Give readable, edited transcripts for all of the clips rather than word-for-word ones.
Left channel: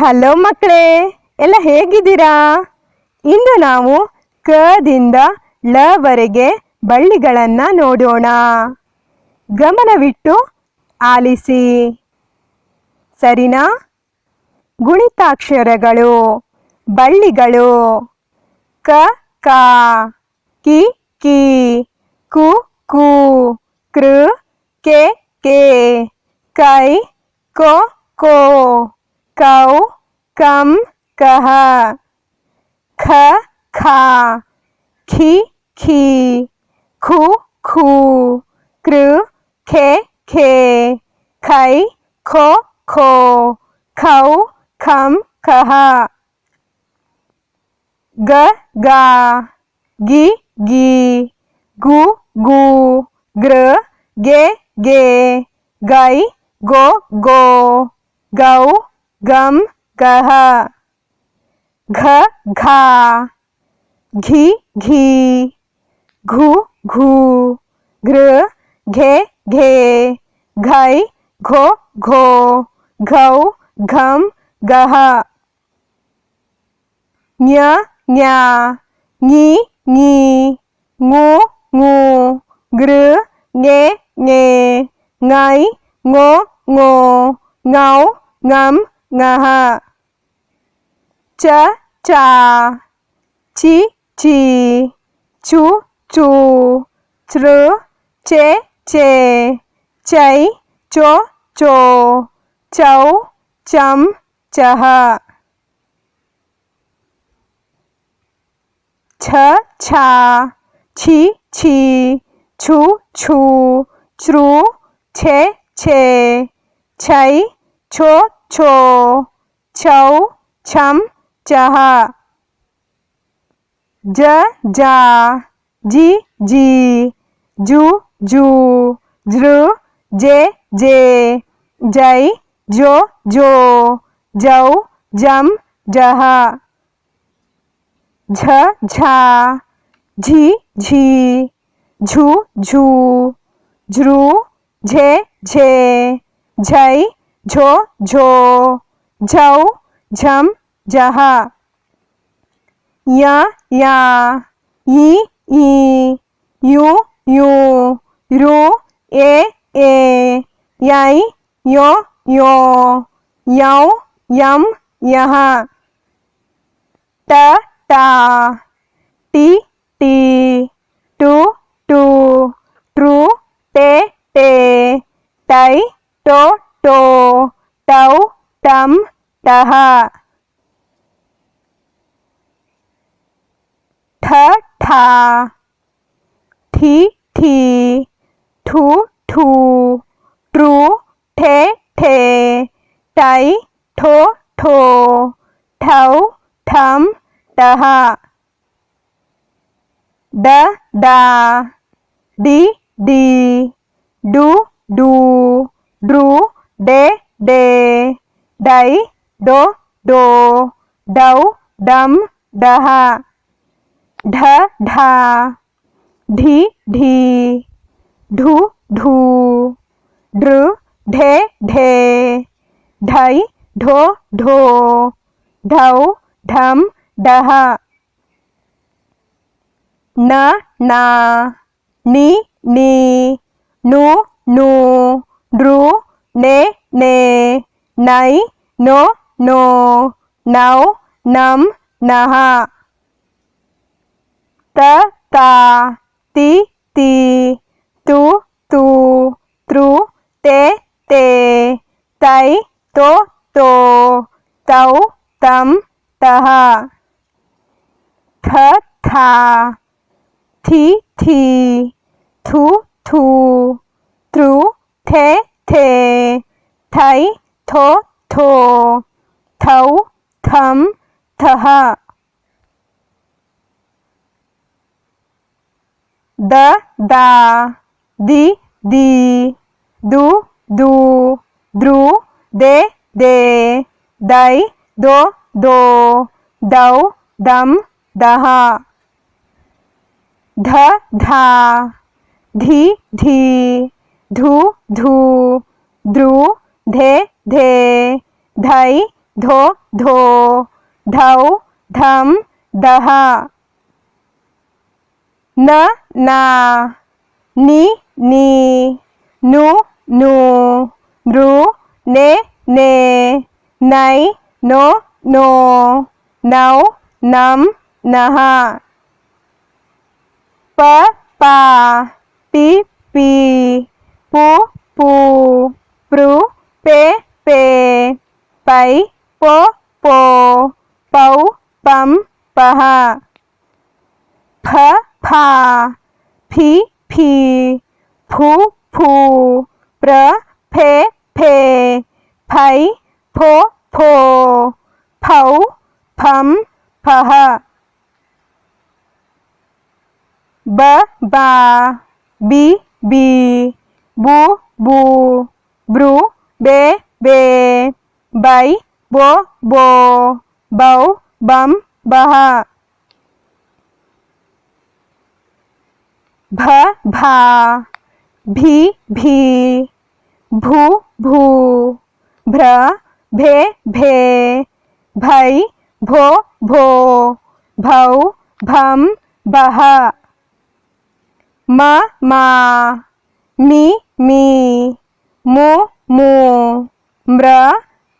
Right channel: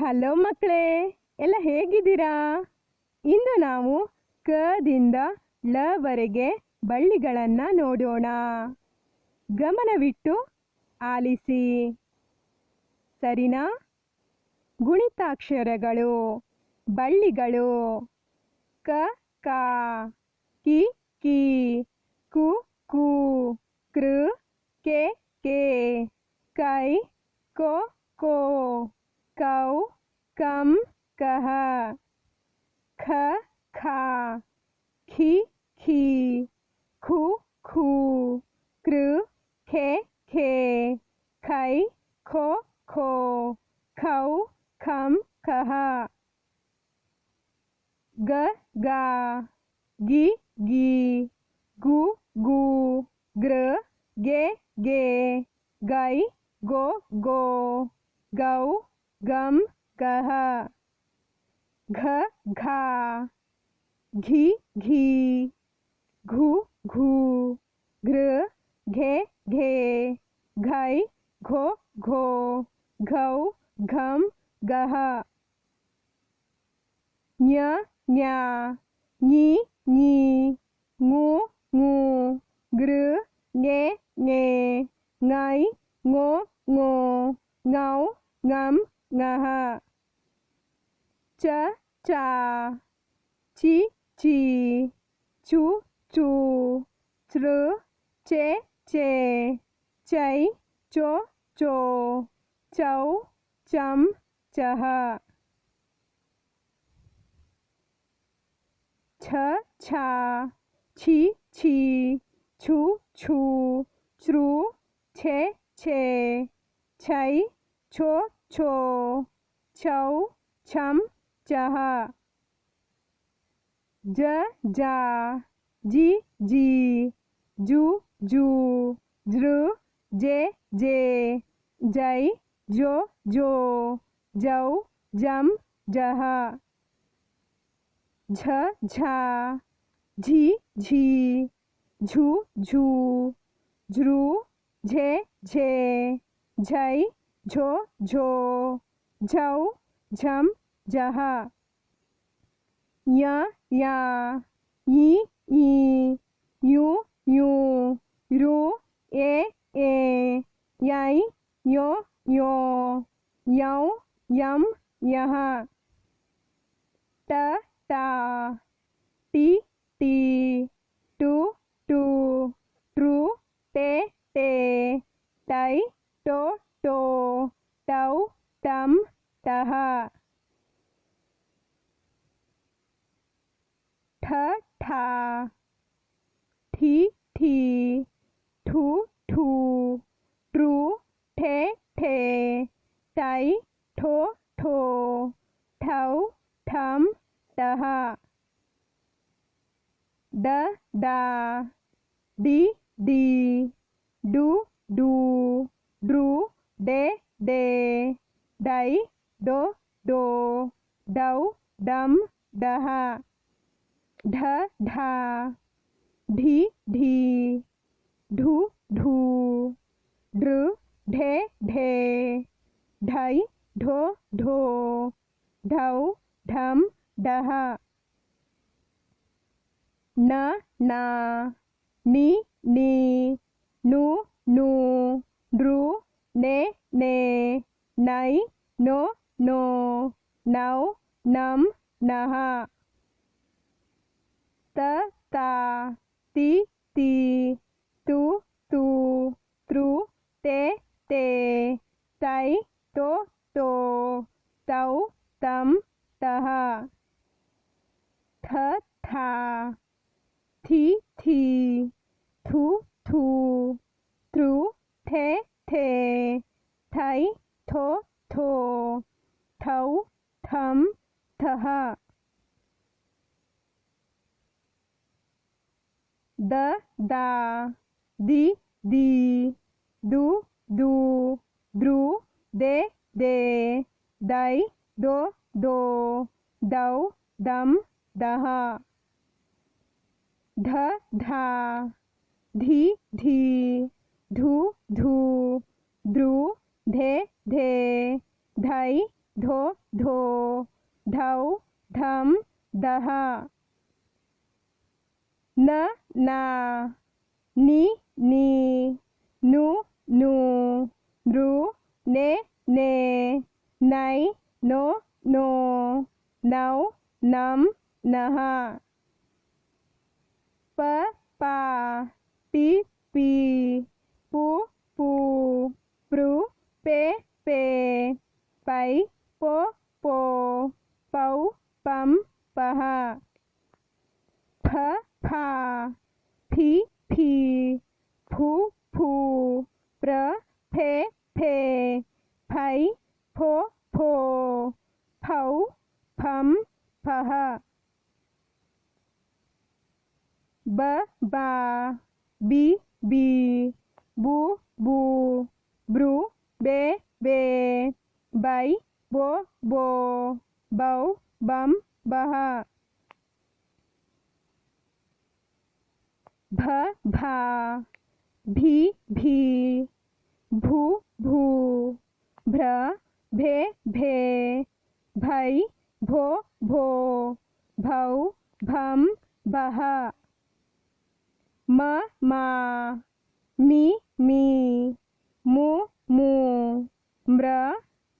Hello ಮಕ್ಕಳೇ, ಎಲ್ಲ ಹೇಗಿದ್ದೀರಾ? ಇಂದು ನಾವು ಕದಿಂದ ಲವರೆಗೆ ಬಳ್ಳಿಗಳನ್ನು ನೋಡೋಣ. ಗಮನವಿಟ್ಟು ಆಲಿಸಿ, ಸರಿನಾ? ಗುಣಿತಾಕ್ಷರಗಳು, ಬಳ್ಳಿಗಳು: ಕ ಕ, ಕಿ ಕಿ, ಕು ಕು, ಕೃ ಕೆ ಕೆ, ಕೈ ಕೋ ಕೋ, ಕೌ ಕಂ ಕಹ, ಖ ಖ, ಖಿ ಖಿ, ಖು ಖು, ಕೃ ಖೆ ಖೆ, ಖೈ ಖೋ ಖೋ, ಖೌ ಖಂ ಖಹ, ಗ ಗ, ಗಿ ಗಿ, ಗು ಗು, ಗೃ ಗೆ ಗೆ, ಗೈ ಗೋ ಗೋ, ಗೌ ಗಂ ಗಹ, ಘ ಘ, ಘಿ ಘಿ, ಘು ಘು, ಘೃ ಘೆ ಘೆ, ಘೈ ಘೋ ಘೋ, ಘೌ ಘಂ ಗಹ, ಞ ಞ, ಞಿ ಞಿ, ঙು ঙು, ಗೃ ಞೆ ಞೆ, ಞೈ ಞೊ ಞೊ, ಞೌ ಞಂ ಞಹ, ಚ ಚ, ಚಿ ಚಿ, ಚು ಚು, ಚೃ ಚೆ ಚೆ, ಚೈ ಚೊ ಚೊ, ಚೌ ಚಂ ಚಹ, ಛ ಛ, ಛಿ ಛಿ, ಛು ಛು, ಛೃ ಛೆ ಛೆ, ಛೈ ಛೊ ಛೊ, ಛೌ ಛಂ ಛಹ, ಜ ಜ, ಜಿ ಜಿ, ಜು ಜು, ಜೃ ಜೆ ಜೆ, ಜೈ ಜೊ ಜೊ, ಜೌ ಜಂ ಜಹ, ಝ ಝ, ಝಿ ಝಿ, ಝು ಝು, ಝೃ ಝೆ ಝೆ, ಝೈ ಝೊ ಝೊ, ಝೌ ಝಂ ಜಹ, ಯ ಯ, ಯಿ ಈ, ಯು ಯು, ರು ಎ ಎ, ಯೈ ಯೊ ಯೊ, ಯೌ ಯಂ ಯಹ, ಟ ಟ, ಟಿ ಟಿ, ಟು ಟು, ಟ್ರು ಟೆ ಟೆ, ಟೈ ಟೊ ಟೊ, ಟೌ ಟಂ ಟಹ, ಠ ಠ, ಠಿ ಠಿ, ಠು ಠು, ಟ್ರು ಠೆ ಠೆ, ಟೈ ಠೊ ಠೊ, ಠೌ ಠಂ ಠಹ, ಡ ಡ, ಡಿ ಡಿ, ಡು ಡು, ಡ್ರು ಡೆ ಡೆ, ಡೈ ಡೊ ಡೊ, ಡೌ ಡಂ ಡಹ, ಢ ಢ, ಢಿ ಢಿ, ಢು ಢು, ಢೃ ಢೆ ಢೆ, ಢೈ ಢೊ ಢೊ, ಢೌ ಢಂ ಢಹ, ನ ನ, ನಿ ನಿ, ನು ನು, ನೃ ನೆ ನೆ, ನೈ ನೊ ನೊ, ನೌ ನಂ ನಹ, ತ ತ, ತಿ ತಿ, ತು ತು, ತೃ ತೆ ತೆ, ತೈ ತೊ ತೊ, ತೌ ತಂ ತಹ, ಥ ಥ, ಥಿ ಥಿ, ಥು ಥು, ತೃ ಥೆ ಥೆ, ಥೈ ಥೊ ಥೊ, ಥೌ ಥಂ ಥಹ, ದ ದ, ದಿ ದಿ, ದು ದು, ದ್ರು ದೆ ದೆ, ದೈ ದೊ ದೊ, ದೌ ದಂ ದಹ, ಧ ಧ, ಧಿ ಧಿ, ಧು ಧು, ಧ್ರು ಧೆ ಧೆ, ಧೈ धो धो धौ धम दह न ना नि नी नु नु नृ ने ने नै नो नो नौ नम नः प पा पि पी पु पू प्रू पे पे पै पो पो पौ पम पः फ फा फी फी फू फू प्र फे फे फै फो फो फौ फम फः ब बा बी बी बू बू ब्रू बे बे बै बो बो बौ बम बः भ भा भी भी भू भू भ्र भे भे भै भो भो भौ भम बः म मा मी मी मु मू म्र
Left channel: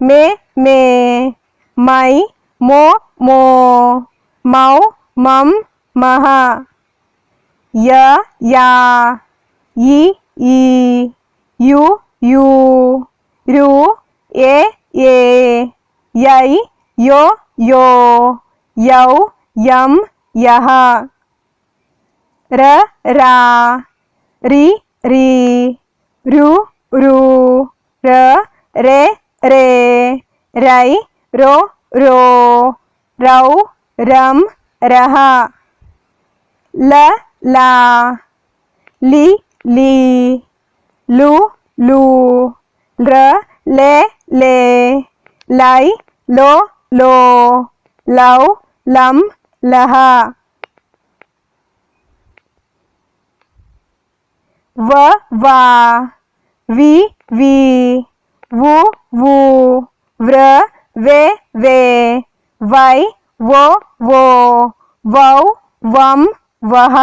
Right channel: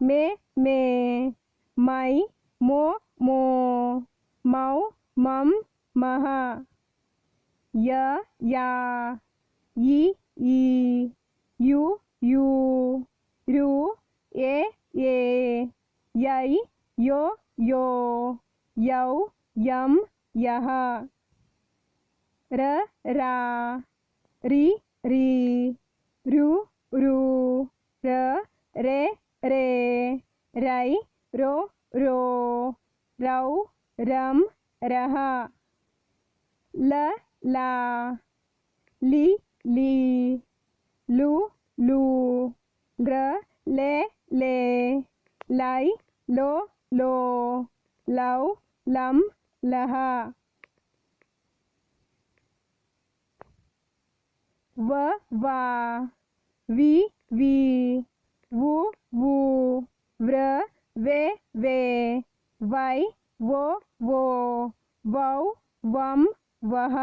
मे मे मै मो मो मौ मम मः य या इ ई यु यू ऋ ए ए यै यो यो यौ यम यः र रा रि री ऋ ऋ र रे रे रै रो रो रौ रम रः ल ला लि ली लु लू लृ ले ले लै लो लो लौ लम लः व वा वि वी वु वू व्र वे वे वै वो वो वौ वम वः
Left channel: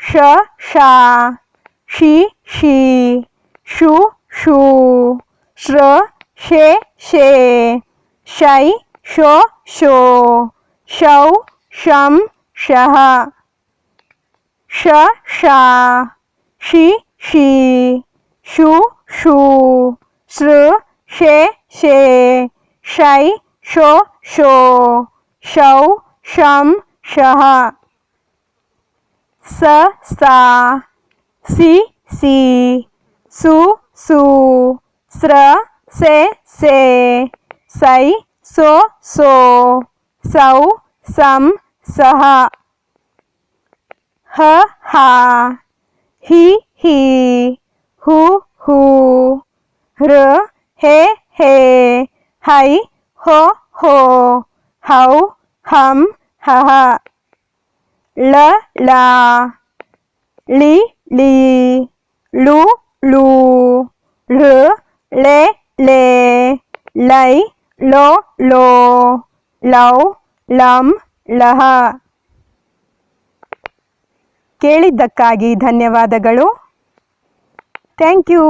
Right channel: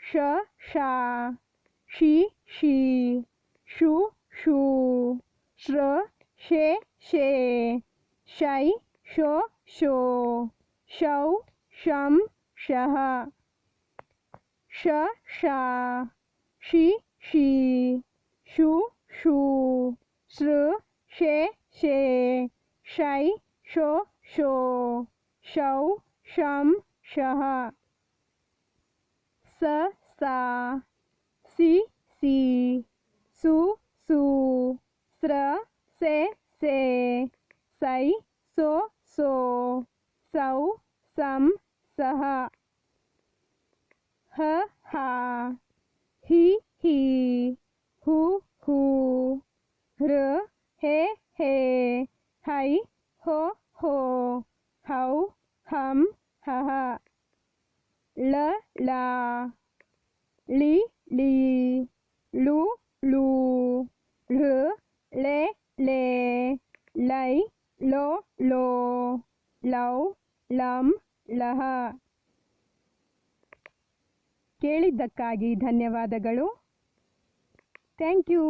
श शा शी शी शु शू श्र शे शे शै शो शो शौ शम शः श शा शी शी शु शू श्र शे शे शै शो शो शौ शम शः स सा सि सी सु सू स्र से से सै सो सो सौ सम सः ह हा हि ही हु हू ह्र हे हे है हो हो हौ हम हः ल ला लि ली लु लू लृ ले ले लै लो लो लौ ಲಂ ಲಹ. ಕೇಳಿದ್ದಕ್ಕಾಗಿ ಧನ್ಯವಾದಗಳು. Thank you.